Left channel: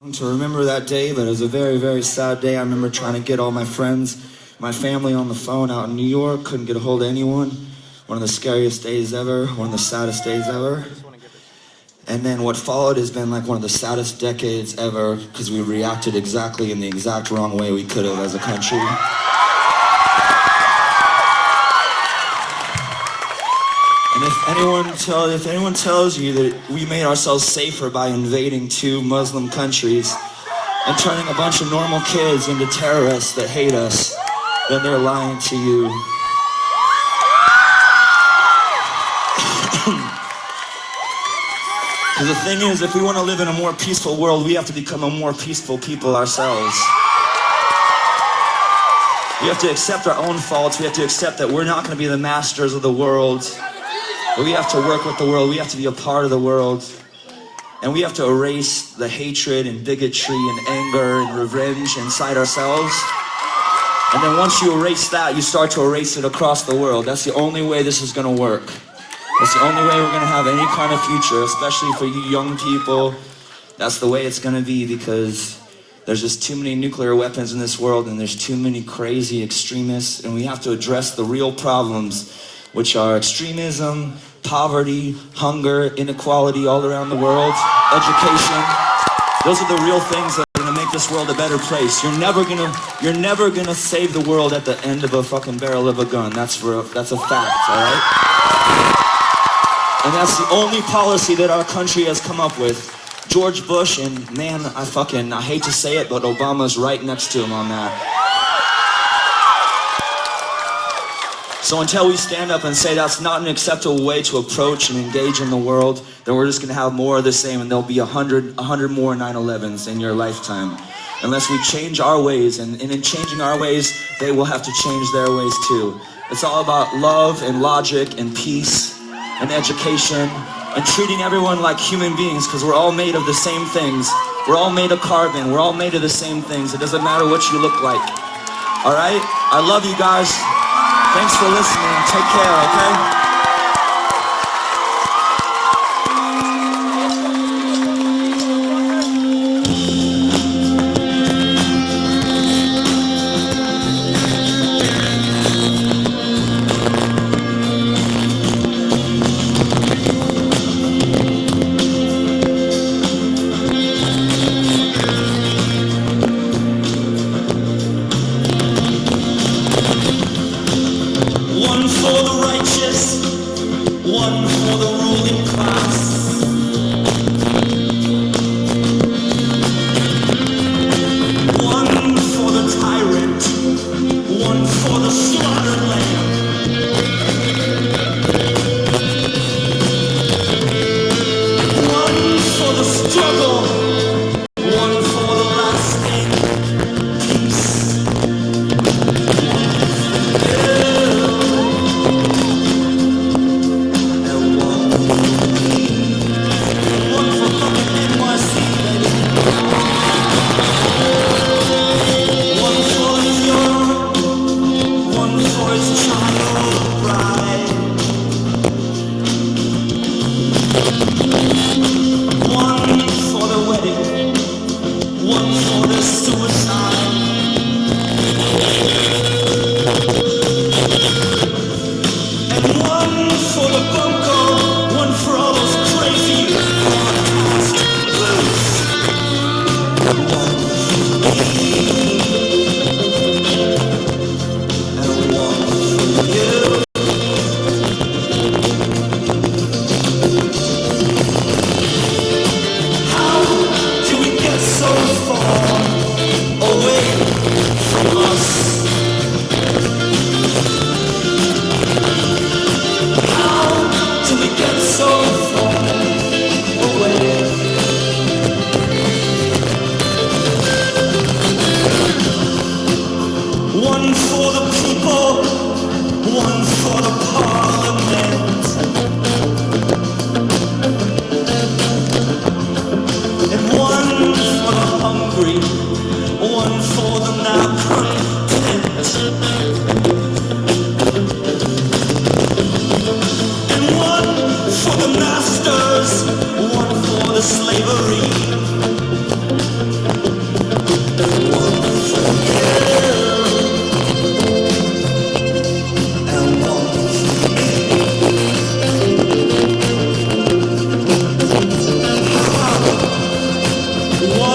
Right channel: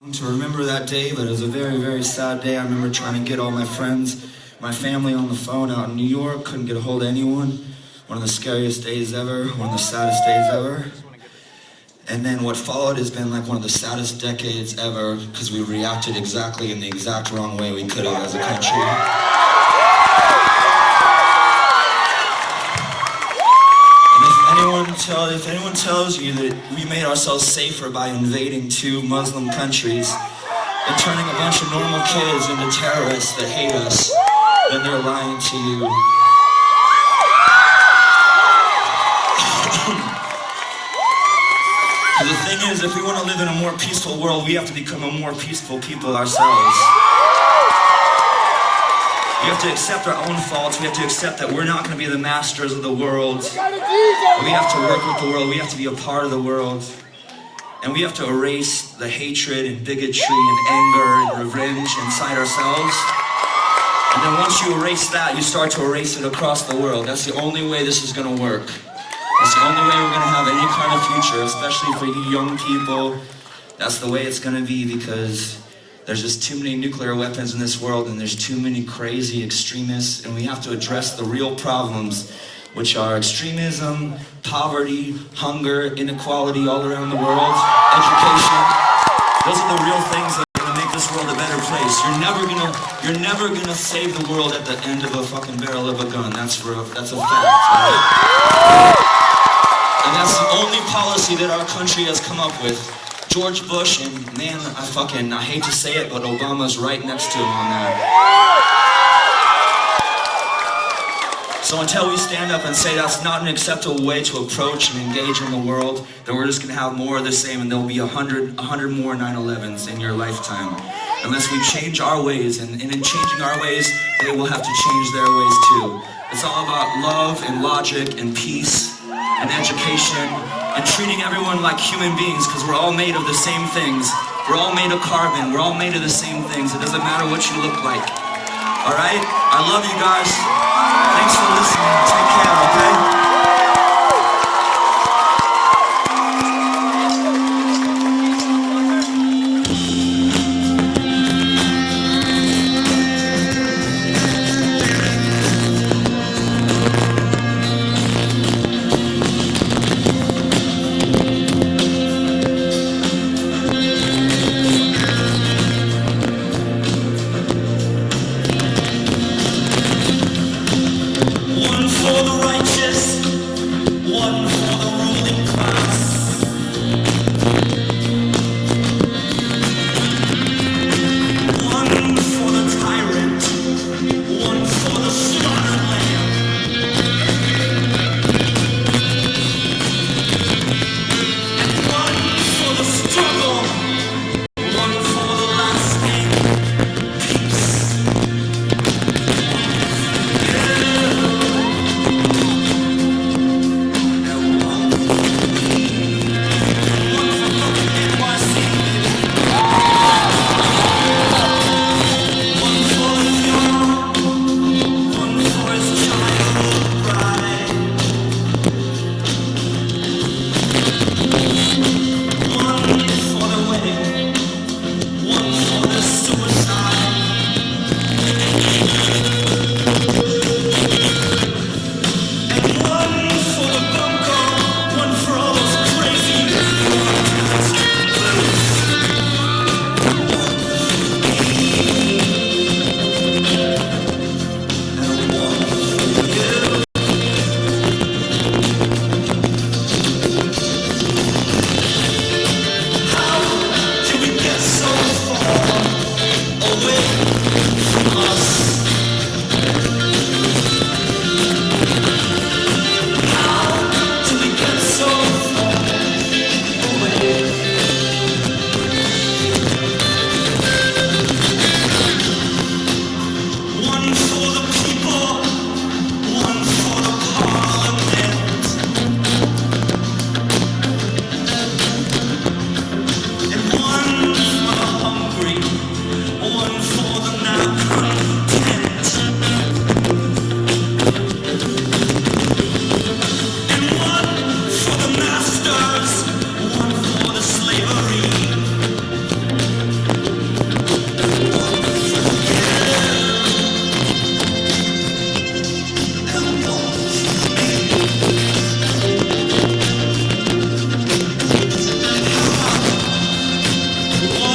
To remember that day, but it was a very, very sad day. I remember trying to get all my friends, my family on the phone out in New York, couldn't get a hold of anyone. One of the scariest days ever, one of the saddest days ever. And then what followed has been like one of the saddest decades ever, because we reacted exactly in the exact wrong way we could have as a country. And if anyone tells you that we made ourselves safer by invading two Muslim countries and turning a bunch of normal kids into terrorists that hate us, then they're lying to you. Because the thing is, if we want to live in a more peaceful world, we have to become a more peaceful people ourselves. We have to accept our own faults. We have to accept that we're not going to be the masters of the world. We have to work with the world. We have to be a part of the world. And we have to erase the hatred and bigotry and anger and revenge inside ourselves. And then once you erase that, you start to erase it across the world. That's the only way this is going to work. That's the only way we're going to have any kind of future, especially for you young people. That's the way it's going to be, because there's just too many nuclear weapons in this world, and there's too many crazy extremists, and we have to address the real problems, which are extremism, poverty, hunger, inequality all around the world, education. Those are the real things that are gonna make this world a better place. You're never gonna save the world at the end of a fucking barrel of a gun. That's a fact, all right? And that's the only policy that our country has come up with. George Bush, and man, I hate to say it, but Obama's right next to him on that. So until we stand up and say that's not an acceptable way to approach and engage in the world, then we're just going to have more of the same, and there'll be 100 more 9/11s in your lifetime. Unless we change our ways, and in changing our ways, they will have to change their ways too. It's all about love and logic and peace and education and treating everyone like human beings, because we're all made of the same things. We're all made of carbon. We're all made of the same things. It doesn't matter what you look like. All right? I love you guys. Thanks for listening. Take care, okay?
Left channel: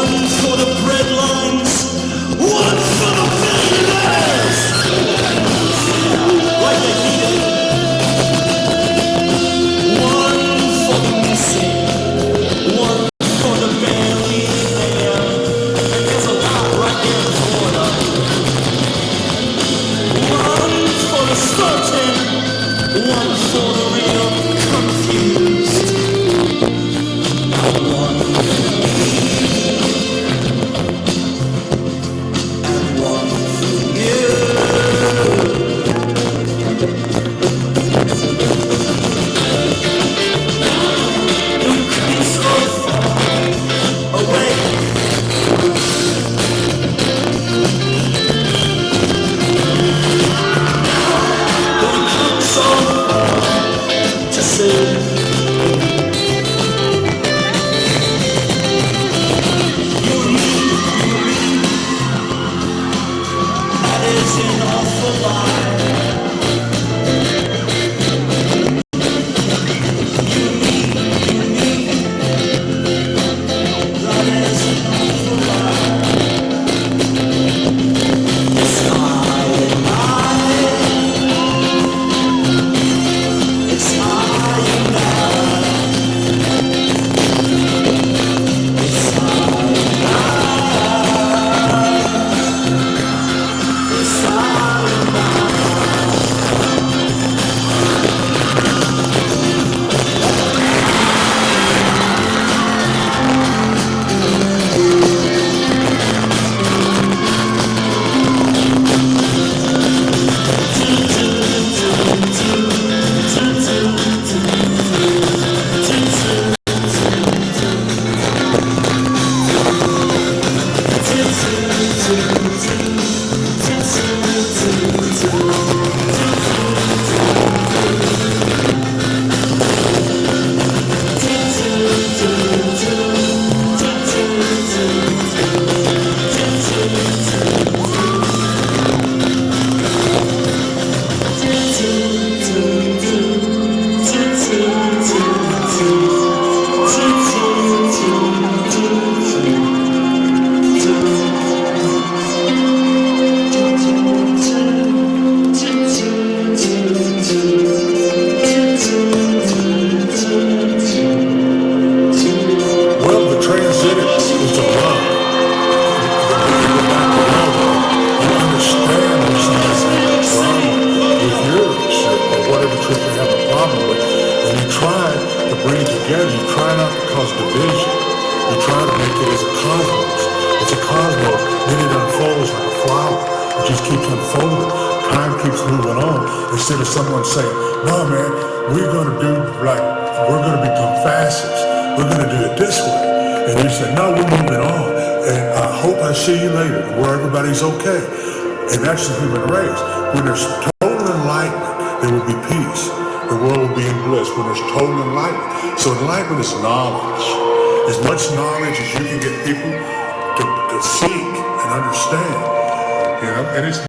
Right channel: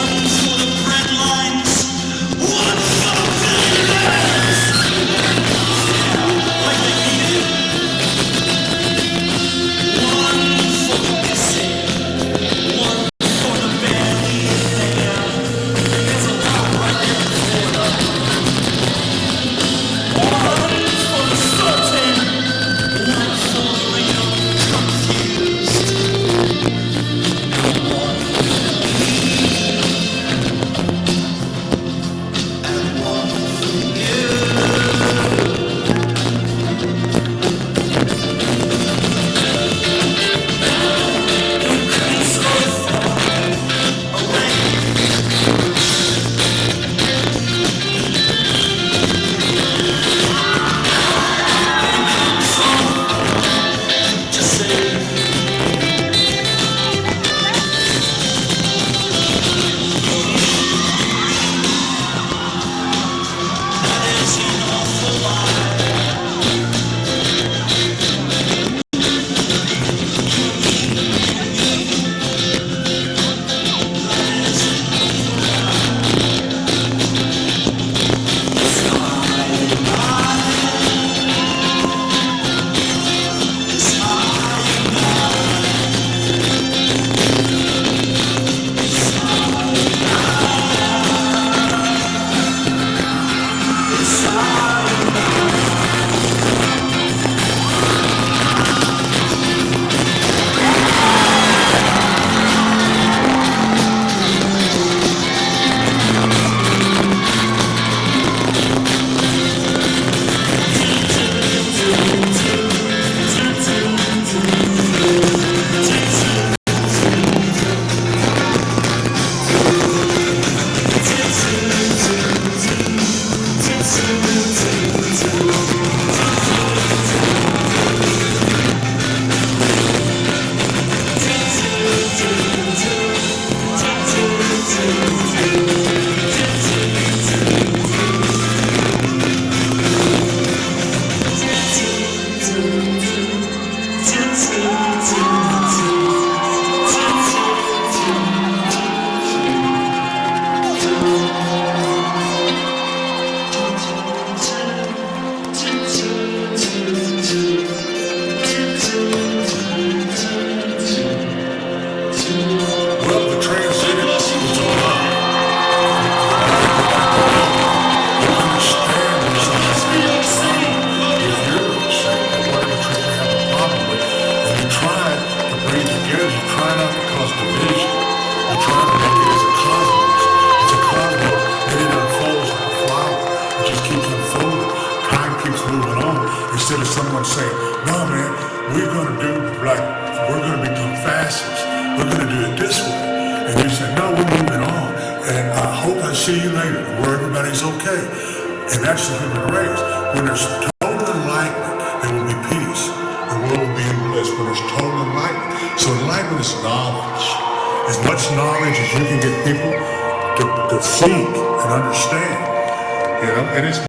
One for the breadlines, one for the millionaires. Like the Indian. One for the missing, one for the barely there. There's a lot right there in the corner. One for the certain, one for the real confused. And one for me, and one for you. Increase or fall away. To say it's an awful lot. Well, the transcendence is a love. You understand when someone's having a problem with yours or whatever could they have a problem with, and you try to bring it together. You try not to cause division. You try to make it as a cosmos. It's a cosmos. Then it unfolds like a flower. It just keeps unfolding. Time keeps moving on. Instead of someone saying, "No, man, we're going to become fascists. We're going to do it this way." And you say, "No, we're moving on. And I hope I see you later where everybody's okay." And that's the human race. When there's total enlightenment, there will be peace. The world will be in bliss when there's total enlightenment. So enlightenment is knowledge. As much knowledge as you can get people to seek and understand. And it's